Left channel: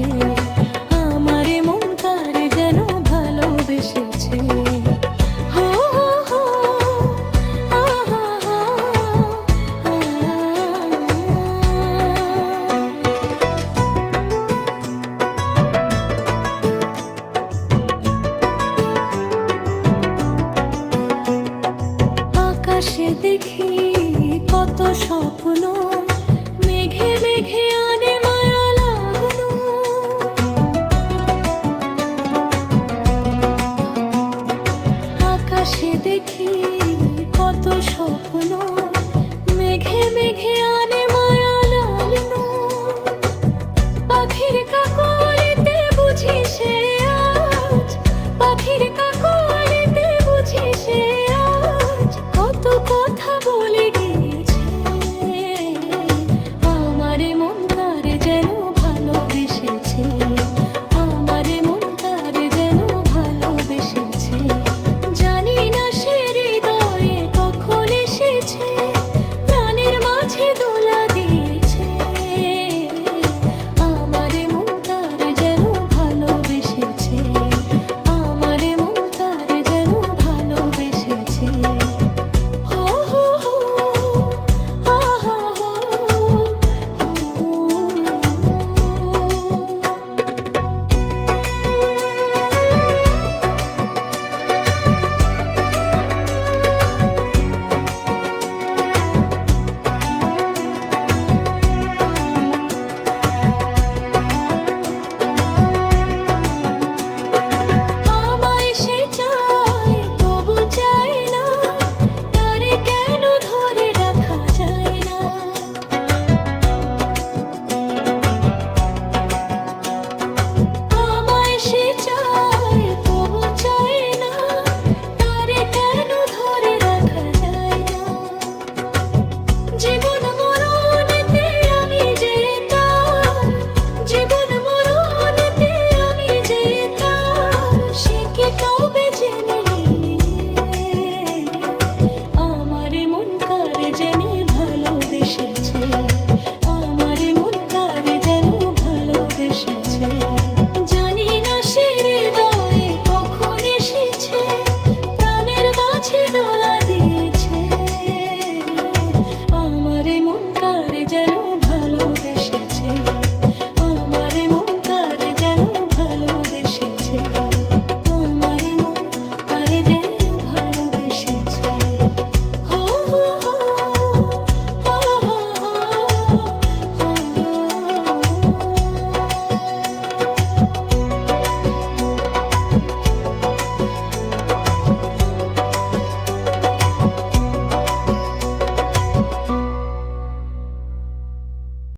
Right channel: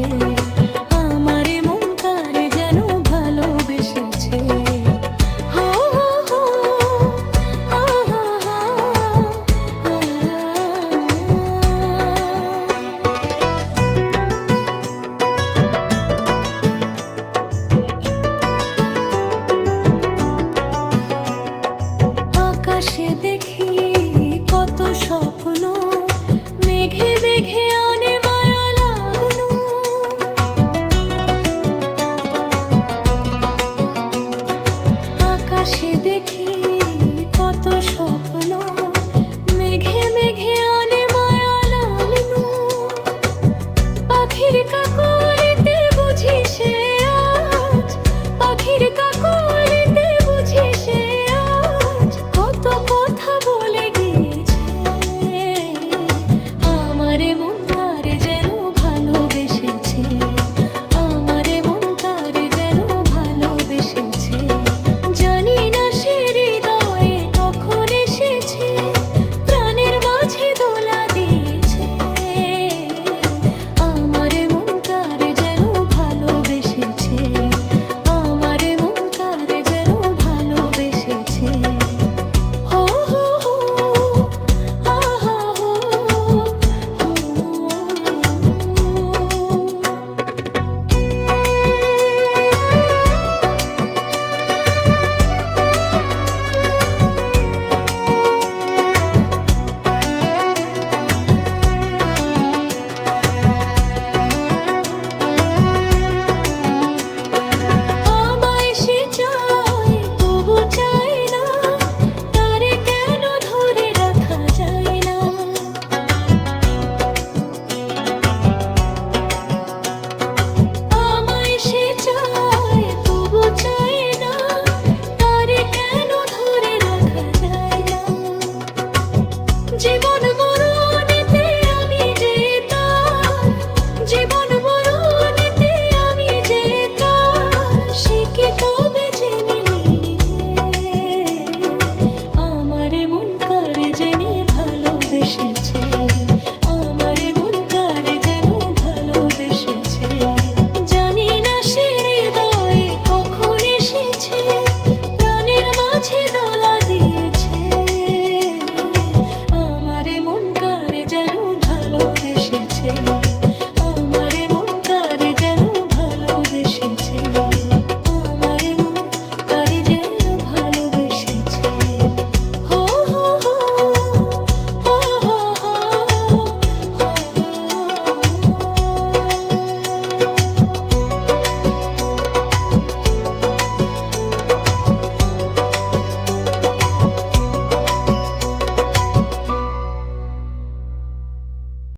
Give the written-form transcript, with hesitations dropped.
বসেছে, আমারে মন কারে যেন ভালোবেসেছে। হো হো হো, আ হা হা, আ। আকাশে দেখি কত স্বপ্ন, মেঘে মেঘে আনে মায়া লাগলো। আকাশে দেখি কত স্বপ্ন, মেঘে মেঘে আনে মায়া লাগলো। পাখির কাকলিতে বুঝি সে আজ, পাখির কাকলিতে বুঝি সে আজ কত কথা বলে গিয়েছে। আমারে মন কারে যেন ভালোবেসেছে, আমারে মন কারে যেন ভালোবেসেছে। জানি না সে হৃদয়ে কখন এসেছে, প্রাণের মাঝে দোলা দিয়েছে। আমারে মন কারে যেন ভালোবেসেছে, আমারে মন কারে যেন ভালোবেসেছে। হো হো হো, আ হা হো, হো। আমায় সে চায় তবু চায় না, তারে কেন ধরে রাখা যায় না। আমায় সে চায় তবু চায় না, তারে কেন ধরে রাখা যায় না। জীবন মরণেতে আমি যে তার, জীবন মরণেতে আমি যে তার, সে কি তবে জেনে নিয়ে। আমারে মন কারে জেনে ভালোবেসেছে, আমারে মন কারে যেন ভালোবেসেছে। জানি না সে হৃদয়ে কখন এসেছে, প্রাণের মাঝে দোলা দিয়েছে। আমারে মন কারে যেন ভালোবেসেছে।